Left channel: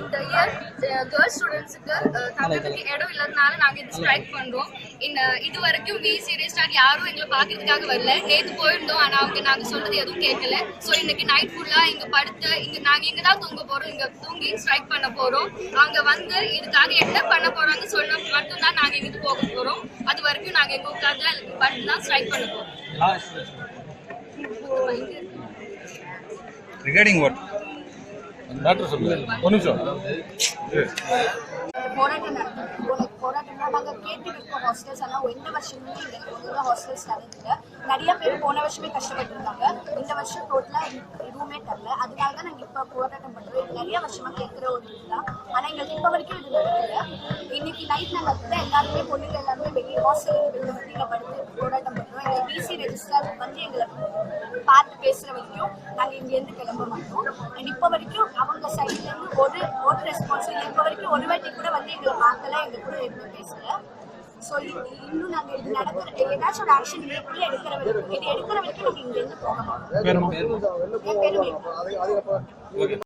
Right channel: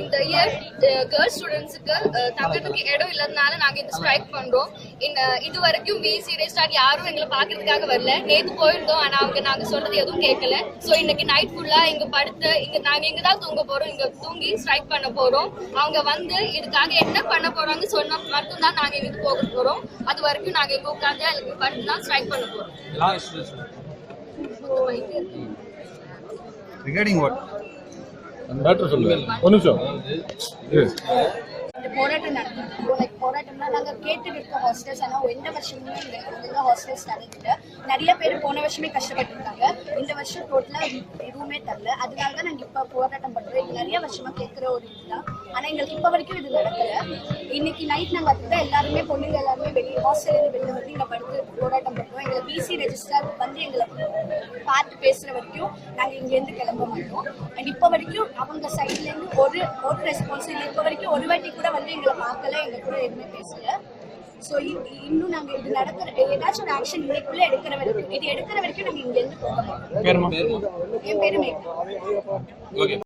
இந்த year girls ஸ்டூடெண்ட்ஸுக்கு தங்கத்துக்கு இடம் இல்லாதனால நாங்க இந்த ஸ்ட்ரைக் பண்றோம். இது வரைக்கும் விசி ரெஸ்டார்ட் யாரும் எங்களை பாக்குறதுக்காக வரல. நேத்து போயிருந்தோம், ஆனா நாங்க சொன்னது எதுவும் கேட்கல. சோ இன்னைக்கு நைட் ஃபுல்லா இங்க படுத்து நாங்க இங்க தான் தூங்க போறோம், இங்க தூங்கி ஸ்ட்ரைக் பண்ண போறோம். அவங்க வந்து இதுக்காக என்ன பண்ண போறாங்கன்னு சொன்னா மட்டும்தான் நாங்க இங்க போக போறோம். அது வரைக்கும் நாங்க இங்க உட்கார்ந்து படுத்து தான் ஸ்ட்ரைக் பண்ண போறோம். Regarding what? டாக்டர் சொல்லுங்க. ஒரு நிமிஷம். போராட்டம் நடத்துறோம். போராட்டம்னா நாங்கள் கேட்டு இருக்கோம் ஹாஸ்டல்ஸ். ஆனால் எந்த வருஷமுமே ஒழுங்காக ஹாஸ்டல்ஸ் தரதில்லை. நிறைய பேர் போன வருஷமே கஷ்டப்பட்டுருக்காங்க. இந்த வருஷம் டோட்டலாக எதுவுமே தரல. அதனால தான் நாங்கள் இப்போ போராட்டம் பண்ணுறோம். இது நிறைய வருஷமாக கேட்குற ஒரு இதுதான். ஆனால் எங்களுக்கு இப்போ வரைக்கும் இது நடக்கலை. இன்னைக்கு நைட் நாங்கள் அதுதான் எல்லாருமே பொண்ணுங்க எல்லாருமே வெளியே ஹாஸ்டல் வெளியில் வந்து இங்கே படுத்து போராட்டம் பண்ணுறோம். எங்களை பிசி ரெஜிஸ்டர் வந்து எங்களை பார்த்து பேசுகிற வரைக்கும் நாங்கள் இங்கேருந்து கிளம்ப மாட்டோம். அண்ட் இப்போ வரைக்கும் அவங்க சைட்லேருந்து ஒரு ரெஸ்பான்ஸ் இல்லை. இப்போ வரைக்கும் ஒரு வாட்டி கூட வந்து எங்களை பார்க்கல, எங்கள் கூட எதுவுமே பேசல. ஸோ இன்னும் நாங்கள் இது நடக்கிற ஏதாச்சும் ஒரு ஆக்ஷன் இதுக்குள்ளே எடுக்கிற வரைக்கும் நாங்கள் இங்கேருந்து போக மாட்டோம். என் பேரு மேகனா.